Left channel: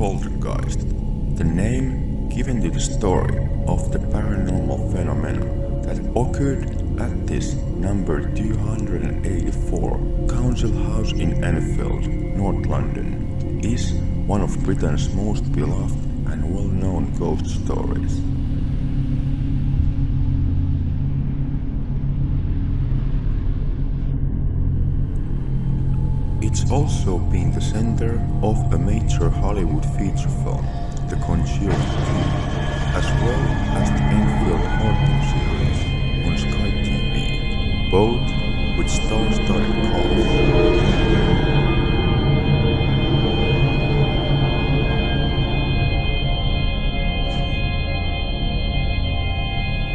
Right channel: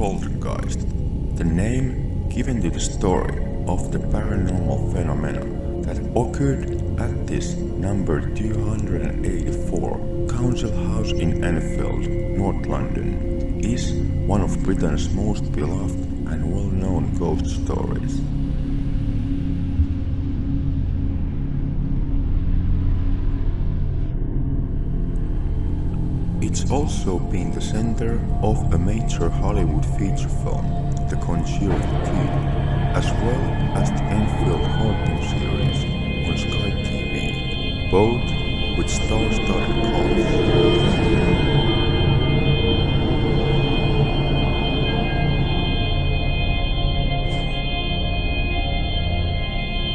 Poltergeist, the name given to the story of the paranormal phenomena that occurred at this number 284 Council House in Enfield, North London, is one of Britain's most beloved and well-known ghost stories. It's also been the center of a major Hollywood feature film, The Conjuring 2, as well as the Enfield Haunting series on Sky TV, both with star-studded casts.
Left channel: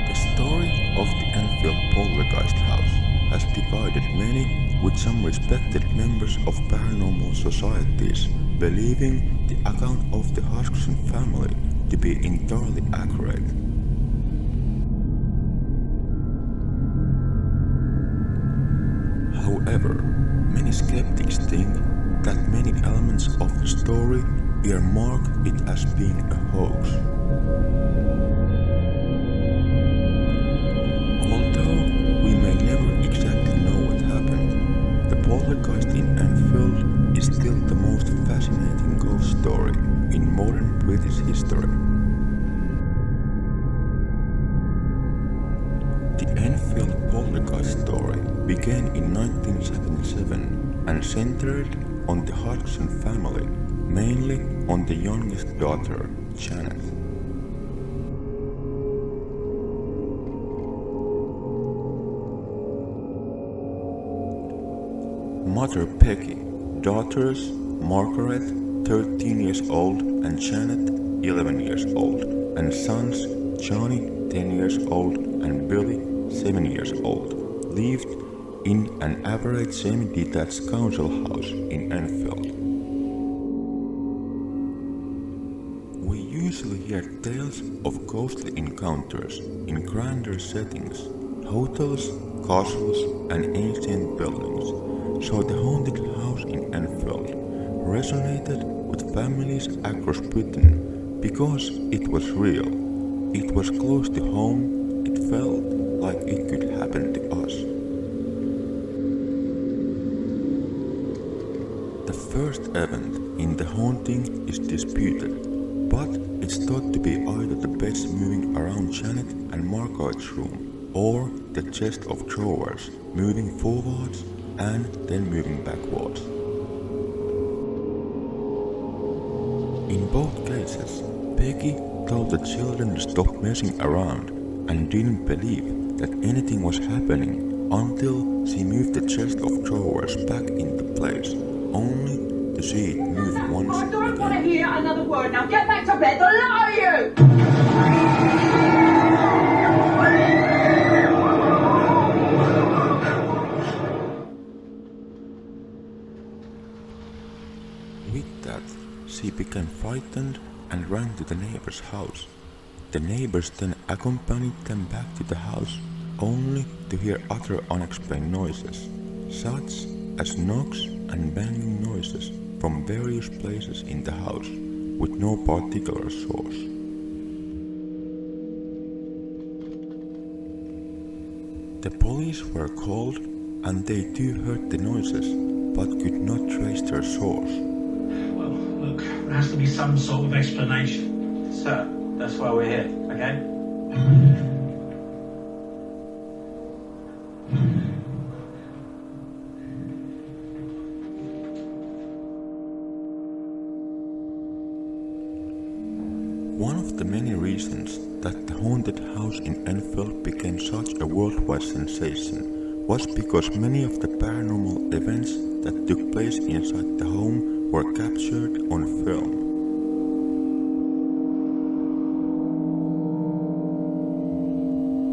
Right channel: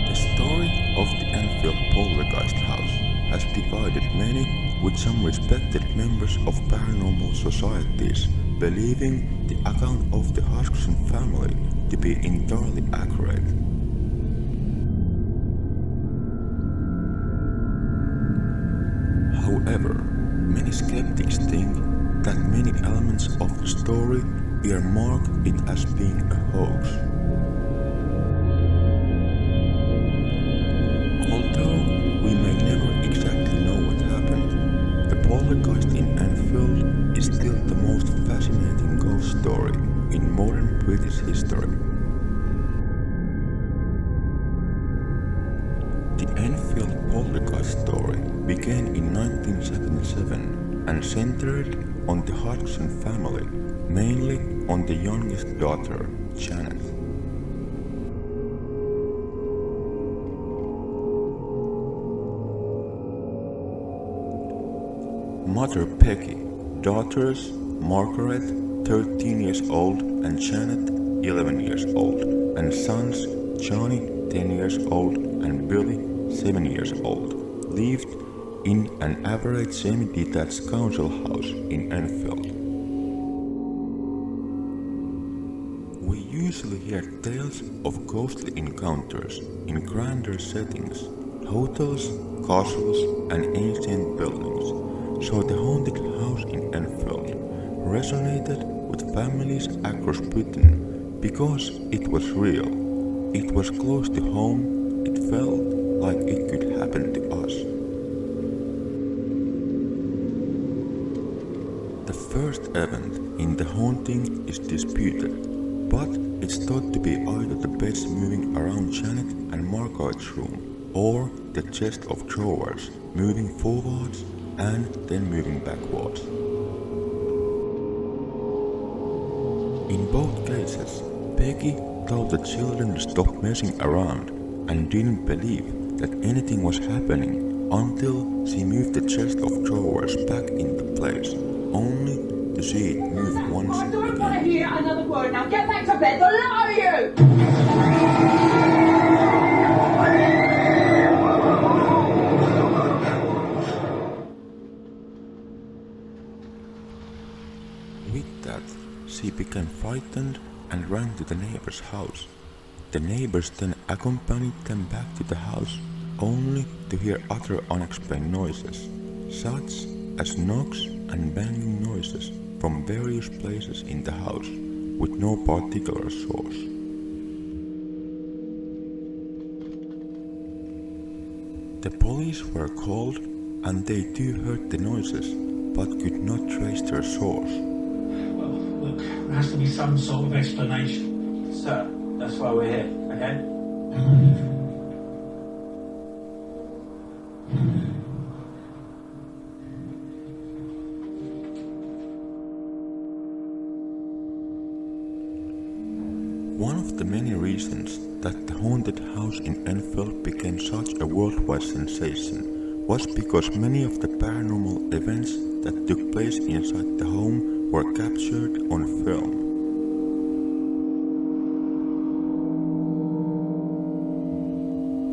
The story of the Enfield Poltergeist house has divided many, with some respected members of paranormal societies believing the account of the Hodgson family to be entirely accurate. However, many skeptics think that many elements of the story earmark it as being a hoax. Although we may never exactly know what happened, the poltergeist in Enfield is still the most fascinating ghost story in modern British history. The Enfield Poltergeist story began in 1977 and centered on the Hodgson family, mainly on the youngest daughter, Janet. Mother Peggy, daughters Margaret, 13 years old, and Janet, 11 years old, and sons Johnny, 10 years old, and Billy, 7 years old, lived in an average semi-detached council house in Enfield. We usually hear tales of ghostly encounters in grander settings, hotels, castles, and ancient buildings. So the haunted house in Enfield resonated with families across Britain because it was real, it was close to home, it felt like it could happen to us. The first event in the haunting is disputed, but it's thought to be either the beds moving around Janet and Margaret's room or the chest of drawers moving forwards and then moving backwards. In both cases, Peggy told the children to stop messing around and didn't believe that anything was happening until she moved the chest of drawers back into place, only to see it move once again. I don't want to hear another word. Now get back to bed, the lot of you! With that, she became frightened and ran to the neighbor's house. The neighbors then accompanied them back to the house, only to hear other unexplained noises, such as knocks and banging noises from various places in the house, with no particular source. The police were called, and they too heard the noises, but could not trace their source. Look, there has to be some sort of explanation. Sir, that's why we're here, okay? One of the many reasons that the haunted house in Enfield became such a worldwide sensation was because many of the paranormal events that took place inside the home were captured on film.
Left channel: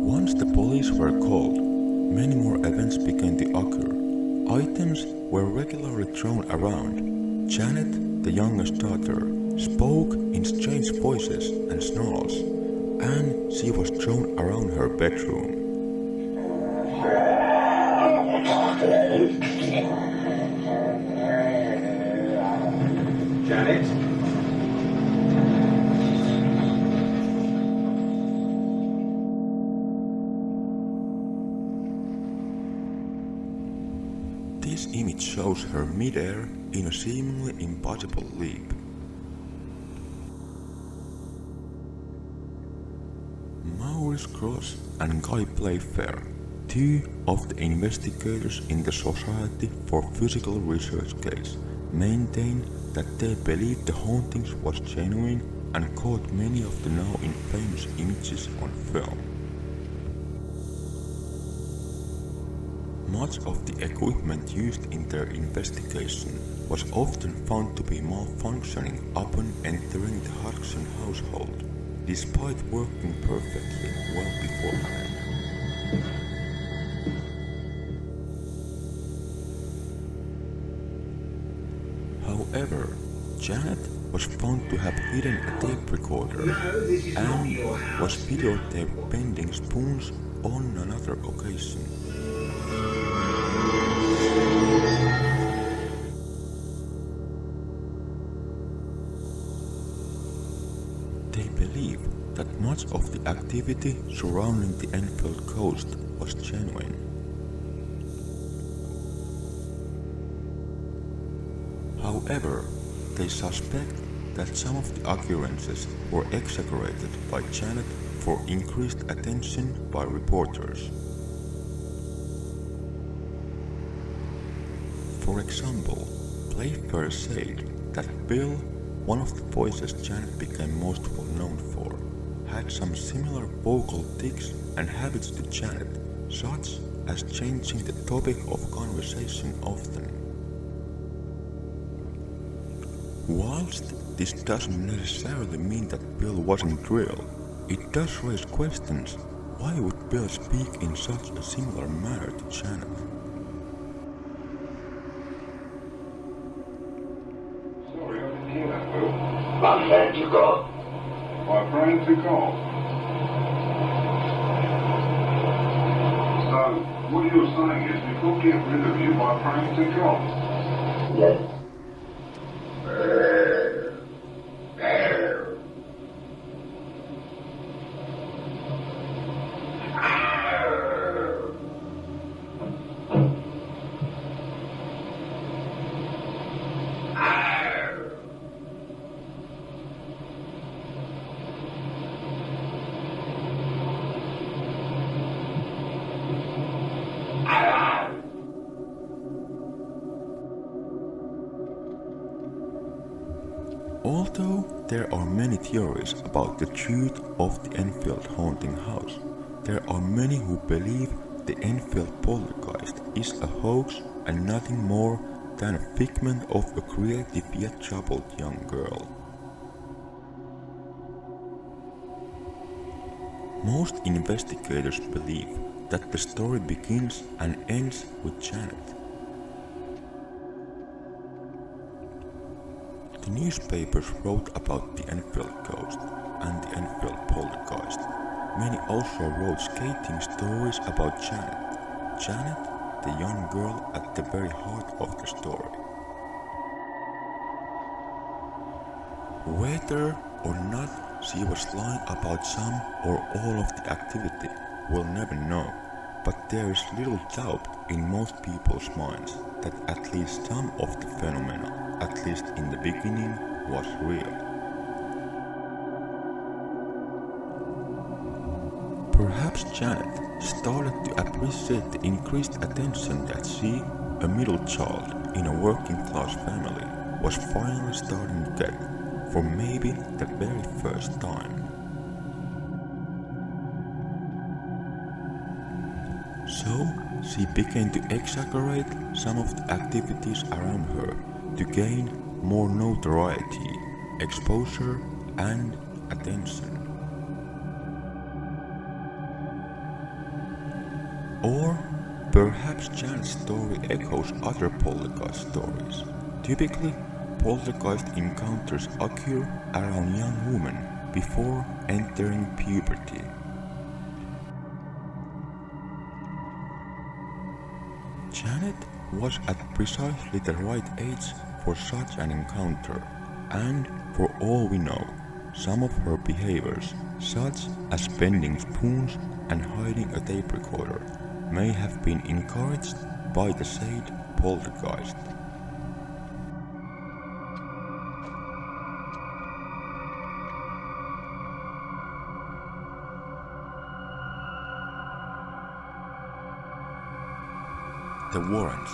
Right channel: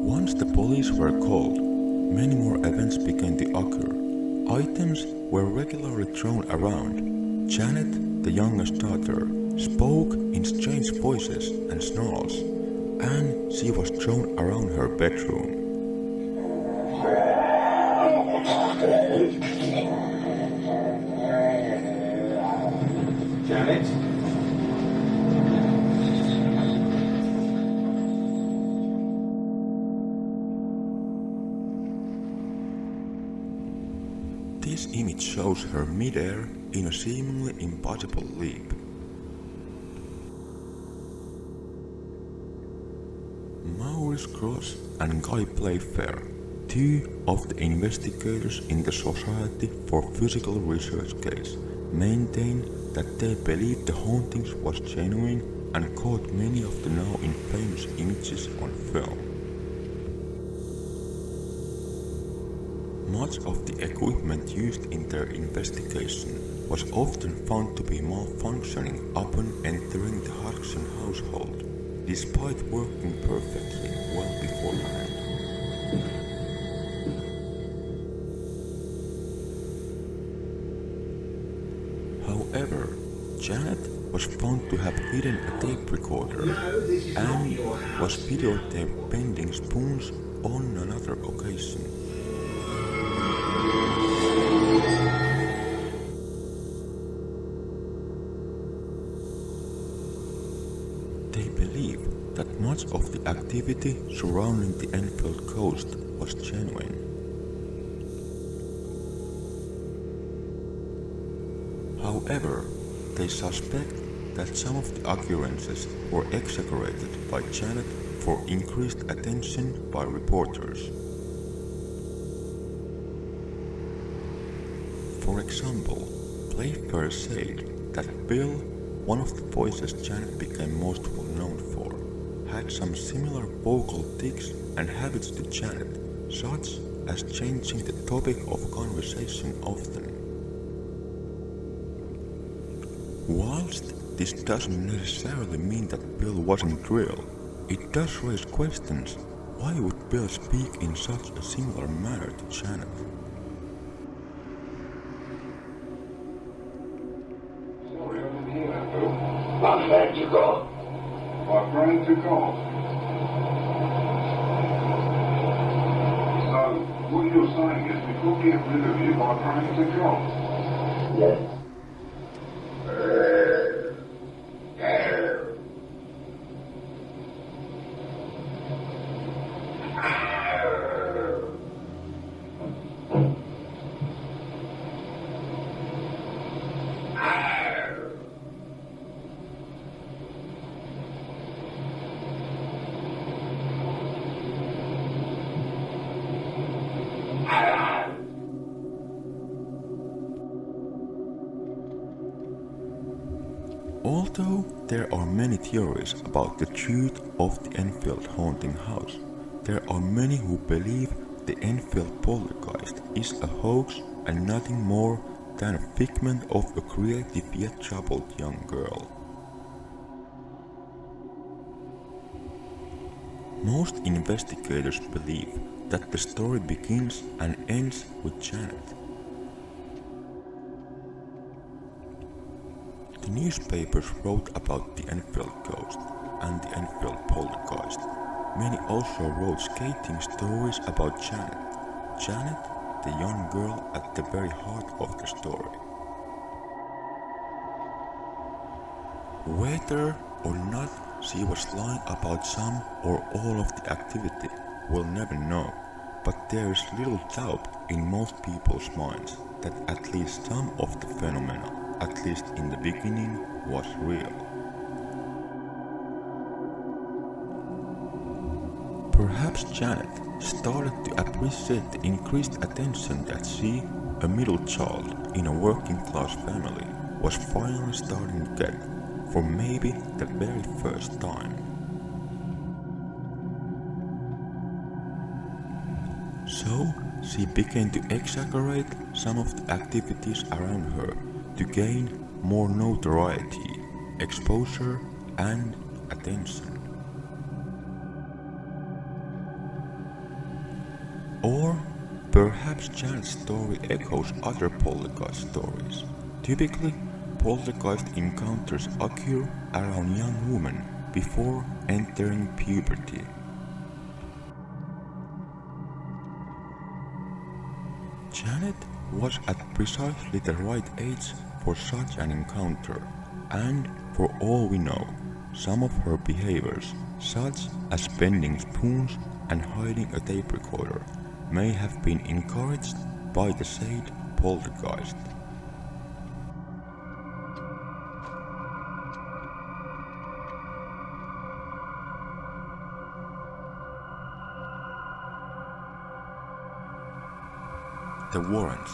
Once the police were called, many more events began to occur. Items were regularly thrown around. Janet, the youngest daughter, spoke in strange voices and snarls, and she was thrown around her bedroom. Janet? This image shows her mid-air in a seemingly impossible leap. Maurice Cross and Guy Playfair, two of the investigators in the Society for Physical Research case, maintain that they believed the hauntings was genuine and caught many of the now infamous images on film. Much of the equipment used in their investigation was often found to be malfunctioning upon entering the Hodgson household, despite working perfectly well beforehand. However, Janet was found to have hidden a tape recorder and was videotaped bending spoons on another occasion. They believe that much of the activity surrounding the Enfield coast was genuine. However, they suspect that some of the occurrences were exaggerated by Janet for increased attention by reporters. For example, Playfair said that Bill, one of the voices Janet became most well known for, had some similar vocal tics and habits to Janet, such as changing the topic of conversation often. Whilst this doesn't necessarily mean that Bill wasn't real, it does raise questions. Why would Bill speak in such a similar manner to Janet? My friend took off. My friend took off. So, what you're saying is we could get rid of you by friend took off? Yes. Although there are many theories about the truth of the Enfield haunting house, there are many who believe the Enfield Poltergeist is a hoax and nothing more than a figment of a creative yet troubled young girl. Most investigators believe that the story begins and ends with Janet. The newspapers wrote about the Enfield ghost and the Enfield Poltergeist. Many also wrote scathing stories about Janet. Janet, the young girl at the very heart of the story. Whether or not she was lying about some or all of the activity, we'll never know, but there is little doubt in most people's minds that at least some of the phenomena, at least in the beginning, was real. Perhaps Janet started to appreciate the increased attention that she, a middle child in a working class family, was finally starting to get, for maybe the very first time. So she began to exaggerate some of the activities around her to gain more notoriety, exposure, and attention. Or perhaps Janet's story echoes other poltergeist stories. Typically, poltergeist encounters occur around young women before entering puberty. Janet was at precisely the right age for such an encounter, and for all we know, some of her behaviors, such as bending spoons and hiding a tape recorder, may have been encouraged by the said Poltergeist. The Warrens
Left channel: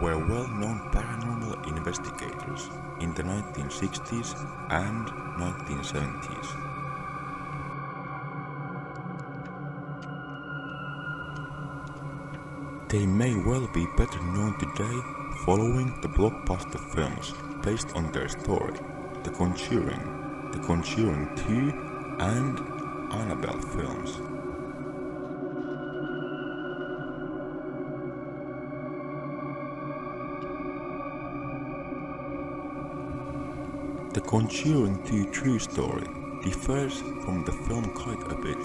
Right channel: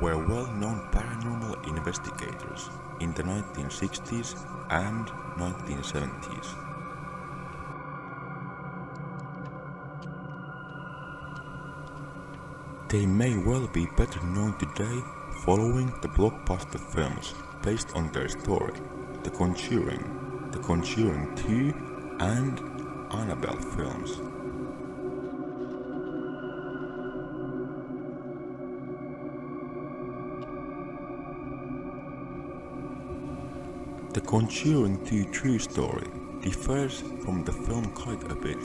were well-known paranormal investigators in the 1960s and 1970s. They may well be better known today following the blockbuster films based on their story, The Conjuring, The Conjuring 2 and Annabelle films. The Conjuring 2 true story differs from the film quite a bit.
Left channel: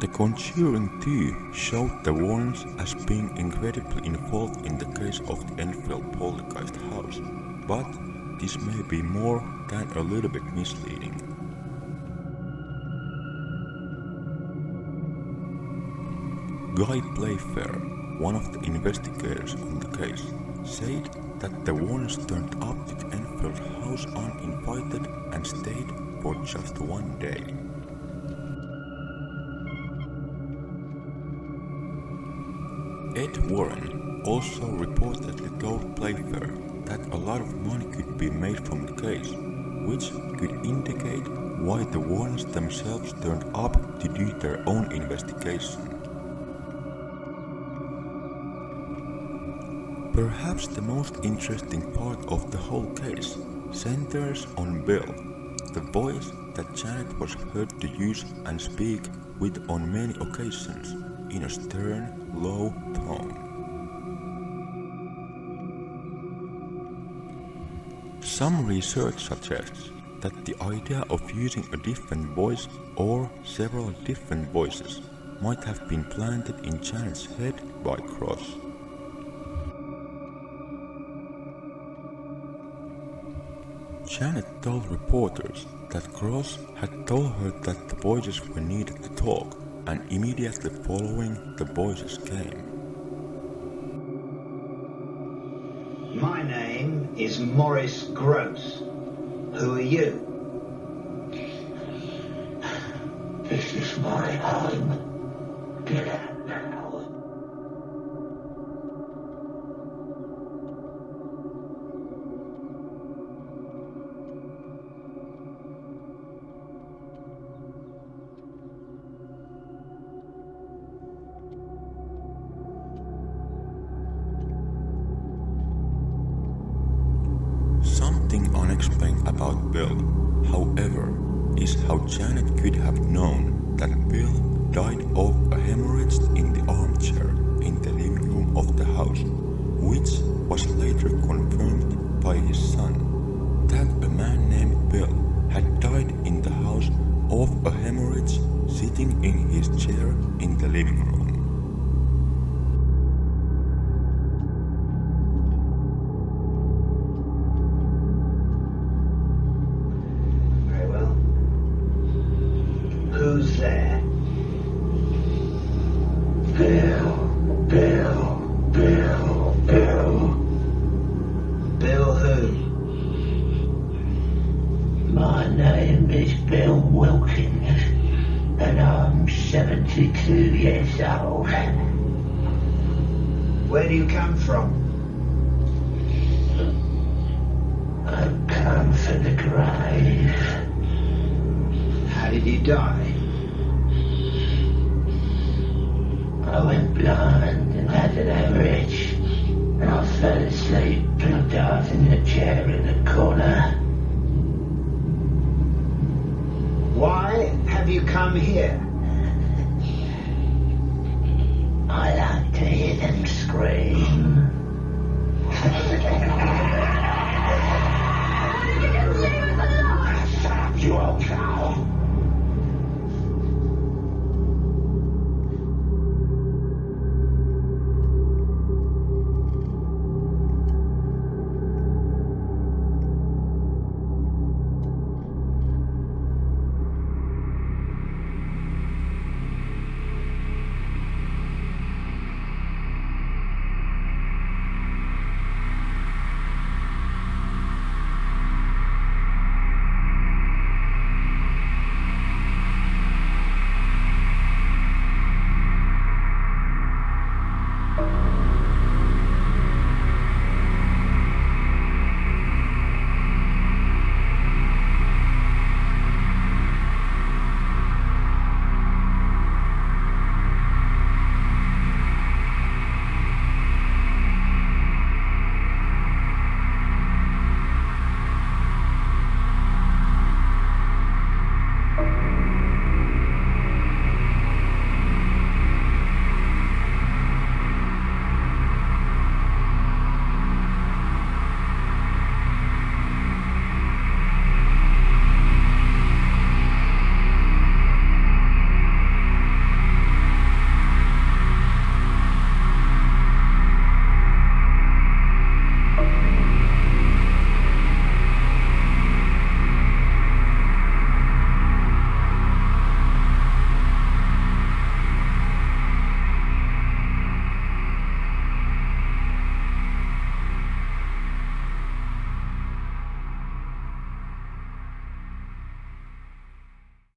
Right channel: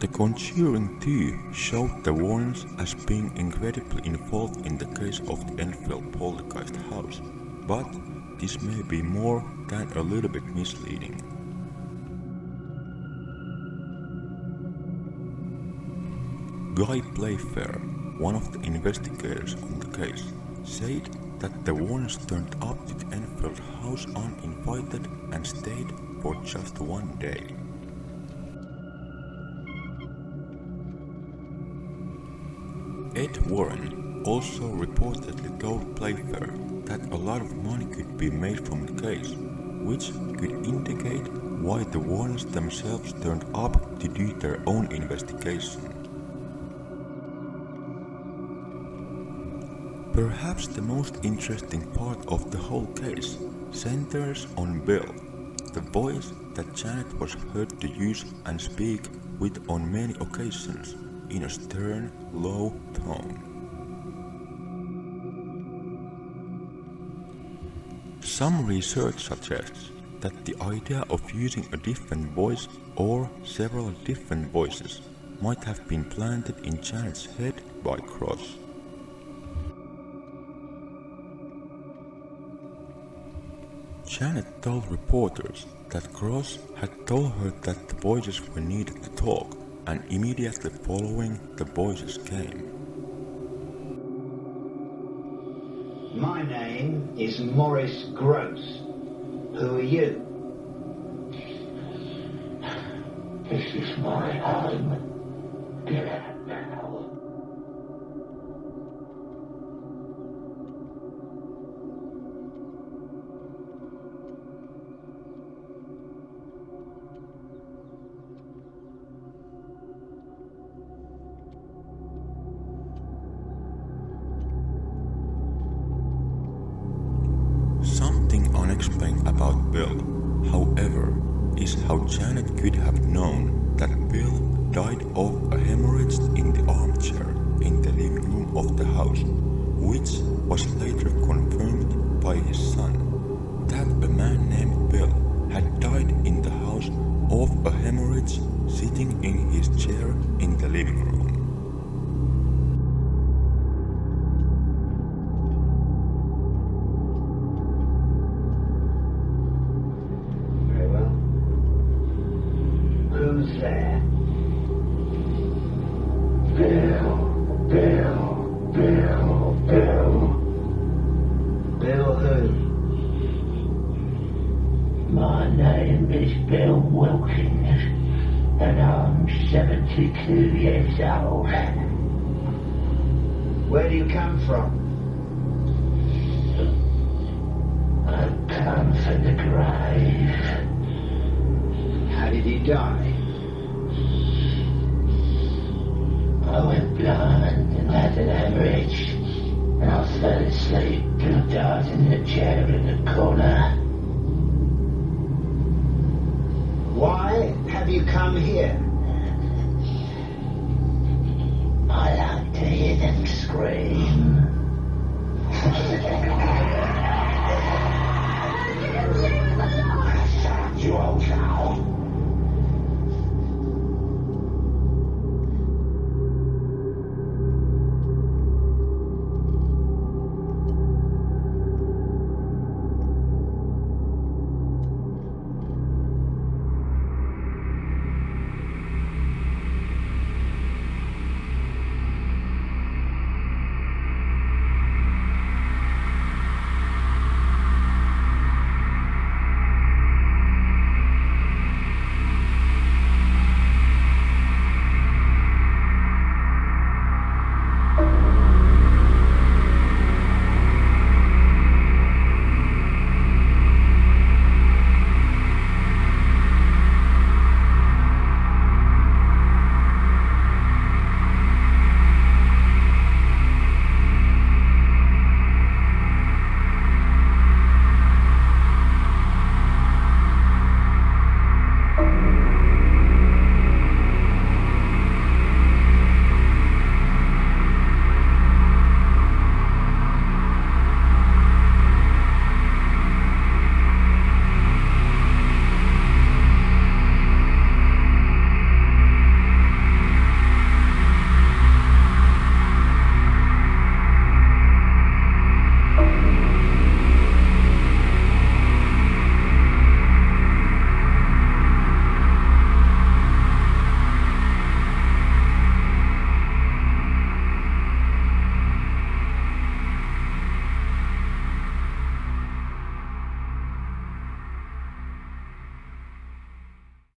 The Conjuring 2 showed the Warrens as being incredibly involved in the case of the Enfield Poltergeist house, but this may be more than a little bit misleading. Guy Playfair, one of the investigators on the case, said that the Warrens turned up to the Enfield house uninvited and stayed for just one day. Ed Warren also reportedly told Playfair that a lot of money could be made from the case, which could indicate why the Warrens themselves turned up to do their own investigation. Perhaps the most interesting part of the whole case centers on Bill, the voice that Janet was heard to use and speak with on many occasions in a stern, low tone. Some research suggests that the idea of using a different voice or several different voices might have been planted in Janet's head by Cross. Janet told reporters that Cross had told her that the voices were needed to talk, and immediately following the voices came. My name is Morris Gross. Who are you? This is my home. Get out now. Something unexplained about Bill, however, is how Janet could have known that Bill died of a hemorrhage in the armchair in the living room of the house, which was later confirmed by his son, that a man named Bill had died in the house of a hemorrhage sitting in his chair in the living room. Who's there? Bill. Bill who? My name is Bill Wilkins, and I'm 72 years old. Where do you come from? I've come from the grave. How did you die? I went blind and had an hemorrhage, and I fell asleep and died in the chair in the corner. Why have you come here? I like to hear them scream. You old cow.